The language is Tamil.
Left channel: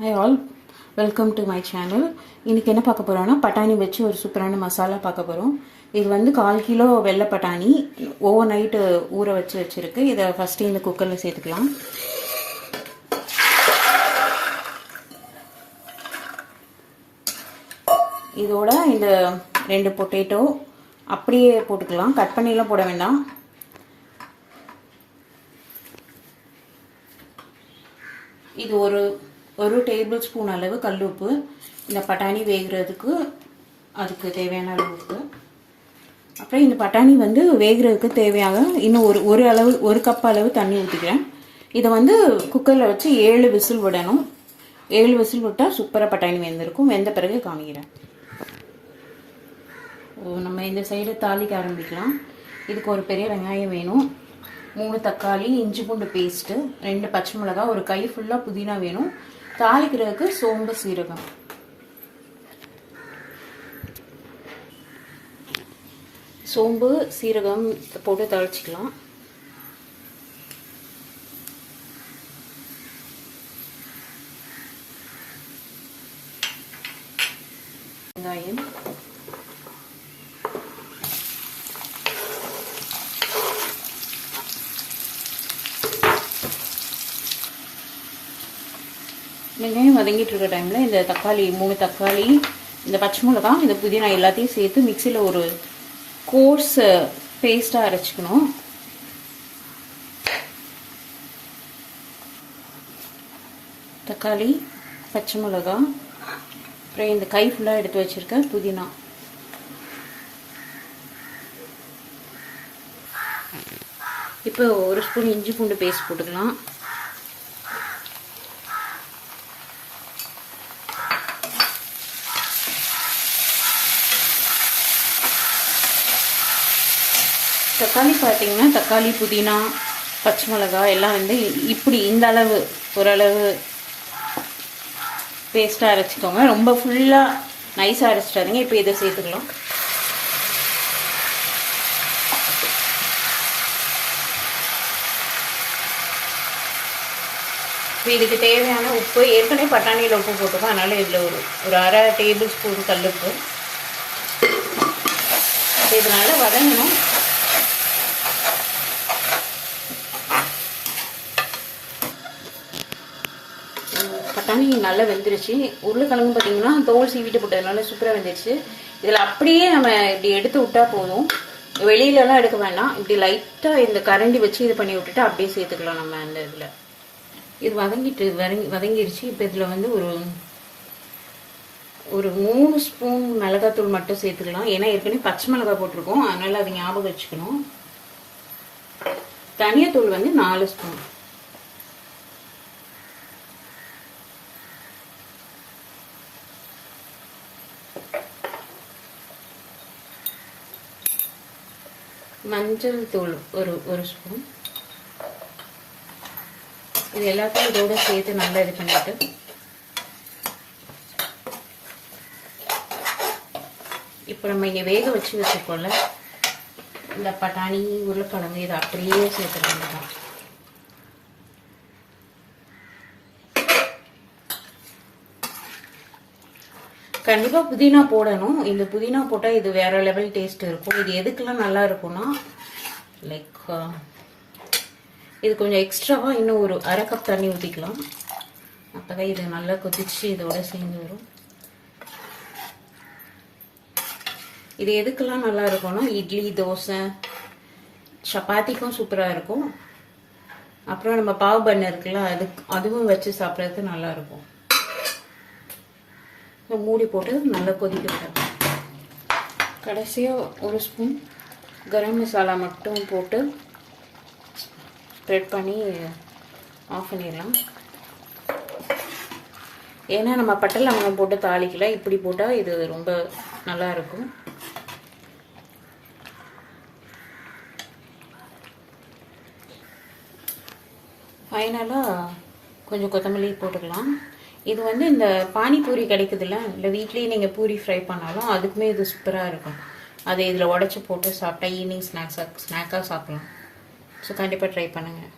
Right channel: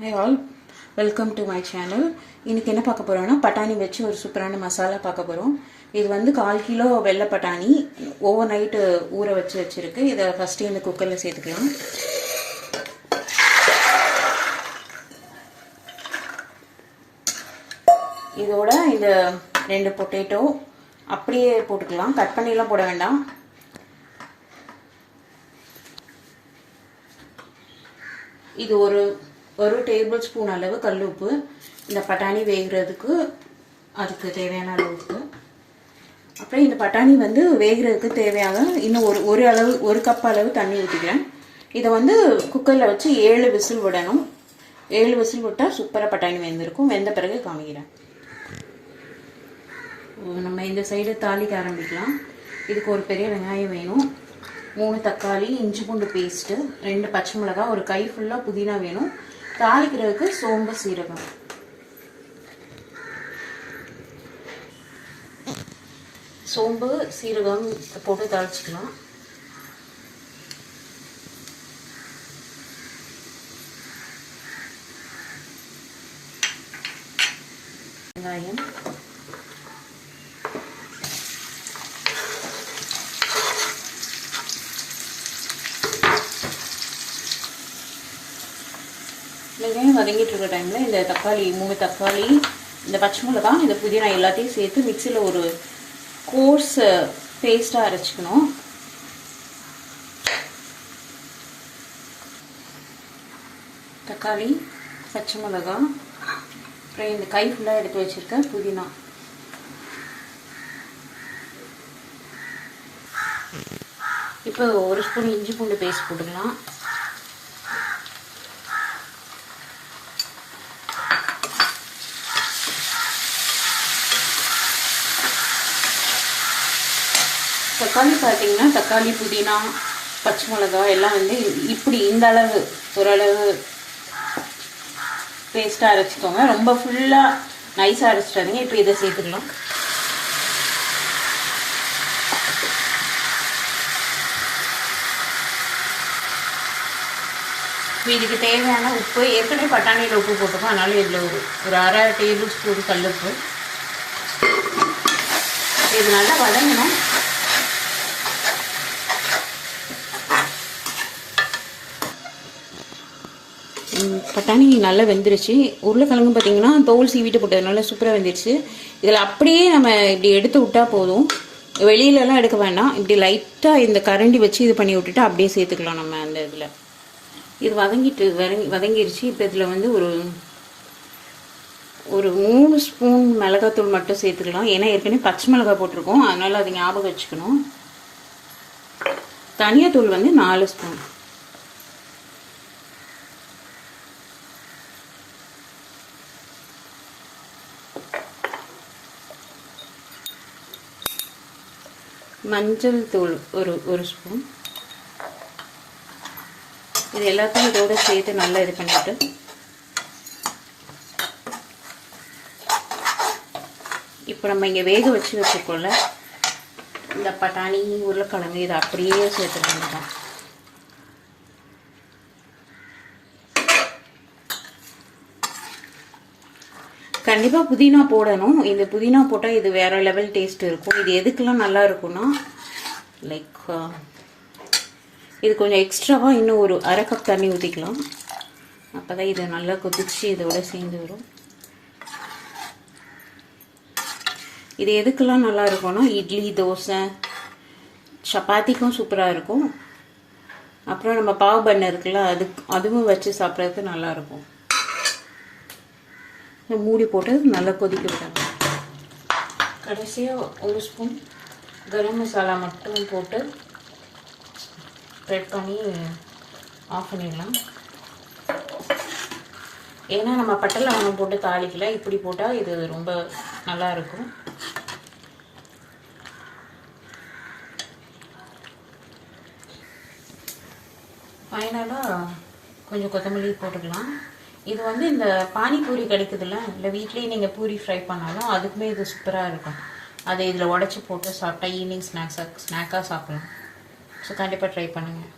Hi all, welcome to my channel. இன்னைக்கு என்ன பார்க்க போறோம்னா பட்டாணி வச்சு ஒரு சூப்பரான மசாலா பார்க்க போறோம். இது வந்து 1/4 கிலோ வெள்ளை பட்டாணி ஓவர் நைட் ஊற வச்சிருக்கு. இத ஃபர்ஸ்ட் இந்த குக்கர்ல சேர்த்துக்கலாம். இதோட இந்த 2 பொட்டேட்டோ அப்படியே போட்டுக்கலாம். கட் பண்ணிலாம் போட வேண்டாம். இது ஒரு டேபிள் ஸ்பூன் அளவு கல்லுப்பு. இந்த பட்டாணி வேகிறதுக்கு அதுக்கு தேவையான அளவுக்கு. அப்புறம் இந்த பட்டாணி வந்து வேகிறதுக்கு தேவையான இன்னும் ஒரு கப் அளவு தண்ணி ஊற்றிக்கிறேன். இதை வந்து குக்கரில் வச்சு 7 விசில் விடணும். 7 விசில் விட்டால் சூப்பராக பட்டாணி வெந்திருக்கும். வெந்த பிறகு காமிக்கிறேன். நம்ம இந்த சைடு தாளிக்க ஆரம்பிக்கலாம். இதுக்கு ஒரு பெரிய வெங்காயம் வேணும், 3 தக்காளி, இஞ்சி பூண்டு பேஸ்ட்டு, 2 பச்சை மிளகாய், ஒரு கை ஃபுல்லாக புதினா வேணும். தாளிக்கிறதுக்கு சோம்பு சீரகம். சோம்பு சீரகம் போட்டு தாளிச்சிக்கலாம். வெங்காயம், வெங்காயம் வதங்கிட்டு இருக்க டைமில் இந்த தக்காளி 3 தக்காளி, இந்த பச்சை மிளகாய், இந்த புதினா எல்லாத்தையும் சேர்த்து மிக்சியில் ஒரு கோர்ஸ் பேஸ்ட்டாக அரைச்சிக்கணும். தக்காளி, பச்சை மிளகாய், அப்புறம் இந்த கை ஃபுல்லாக எடுத்து வச்சிருக்க புதினா. இப்போ 1 ஸ்பூன் இஞ்சி பூண்டு பேஸ்ட் போட்டுக்கலாம். தக்காளி பார்த்தீங்கன்னா தக்காளி, புதினா, பச்சை மிளகாய் எல்லாம் வந்து இப்படி இந்த அளவு ஓரளவு பேஸ்ட்டாக அரைச்சிக்கோங்க. ரொம்ப ஃபுல்லாக நைஸாக அரைச்சிட்டாதீங்க. இப்போ இதை சேர்த்துக்கலாம். இப்போ இதுக்கு தேவையான உப்பு ஏற்கனவே பட்டாணியில் உப்பு போட்டுக்கோம். அதனால இதில் ஒரு அரை டேபிள் ஸ்பூன் கல்லுப்பு. இது நல்லா வதங்கணும். பட்டாணி நல்லா வெந்துருச்சு. உருளைக்கிழங்கு பார்த்தீங்கன்னா தோல் சீவிட்டு போட்டதுனால சூப்பராக வெந்துருச்சு. இதில் அப்படியே நம்ம இப்படி எடுத்து விட்டா போதும், வெளியிலலாம் எடுக்க வேண்டாம். இப்படி லைட்டாக இந்த கரண்டி வச்சு இது பண்ணி விட்டுட்டு அப்படியே சேர்த்துக்கலாம். நம்ம அந்த இதில் இது வதங்கிருச்சு. இப்போ இதில் வந்து ஒரு 3 ஸ்பூன் மிளகாத்தூள் மட்டும் சேர்த்துக்கலாம். ஏன்னா ஏற்கனவே பச்சை மிளகாய் போட்டிருக்கோம், அதனால அதை ஞாபகம் வச்சுக்கணும். தனியாத்தூள் வந்து 4 ஸ்பூன். மஞ்சள் தூள் ஒரு ஸ்பூன். இது எல்லாத்தையும் இதோட சேர்த்து நல்லா இது பண்ணிட்டு இப்போ நம்ம இங்கே வேக வச்சிருக்கோம்ல இந்த பட்டாணி, உருளைக்கிழங்கு, இதை அப்படியே சேர்த்துக்கலாம். கண்டிப்பாக புதினா போடணும். இந்த புதினா போட்டால் இது வேற லெவல் டேஸ்ட் இருக்கும். இது எதுக்கெல்லாம் நல்லா இருக்கும்னா லைக் இது கொஞ்சம் எக்ஸ்ட்ராவாக இன்னும் ஒரு அரை கப் தண்ணி ஊற்றிக்கலாம். அப்போ தான் இது நல்லா கொதிச்சு இதோட சேர்ந்து வரும். இது எதுக்கெல்லாம் நல்லா இருக்கும்னா இட்லி, தோசை, சப்பாத்திக்கும் சூப்பராக இருக்கும். அப்புறம் நம்ம பாவ் பண்ண இருக்குல்ல அதுவும் வச்சு சாப்பிட்றதுக்கு நல்லா இருக்கும். மூடி போட்டு நல்லா கொதிக்க விடணும். கடைசியாக 1 ஸ்பூன் கரம் மசாலா மட்டும் போட்டு ஸ்ப்ரெட் பண்ணி ஆஃப் பண்ணிடலாம். ஏன்னா நம்ம பட்டை லவங்கம் போட்டு தாளிக்கல, இப்படி போட்டால் இது ரொம்ப நல்லா இருக்கும். ஃபைனலாக கொஞ்சம் கொத்தமல்லி போட்டுக்கலாம். இது வந்து இந்த பானிபூரி கிடைக்குதுல்ல, இல்லை வீட்லேயே நீங்கள் பூரி ஃப்ரை பண்ணாலும் அதுக்குமே இது சூப்பராக இருக்கும். அதை இதில் உடச்சி போட்டு சாப்பிட்டா ஈவினிங் ஸ்நாக்காக சாப்பிடலாம். ஸோ கண்டிப்பாக ட்ரை பண்ணுங்கள்.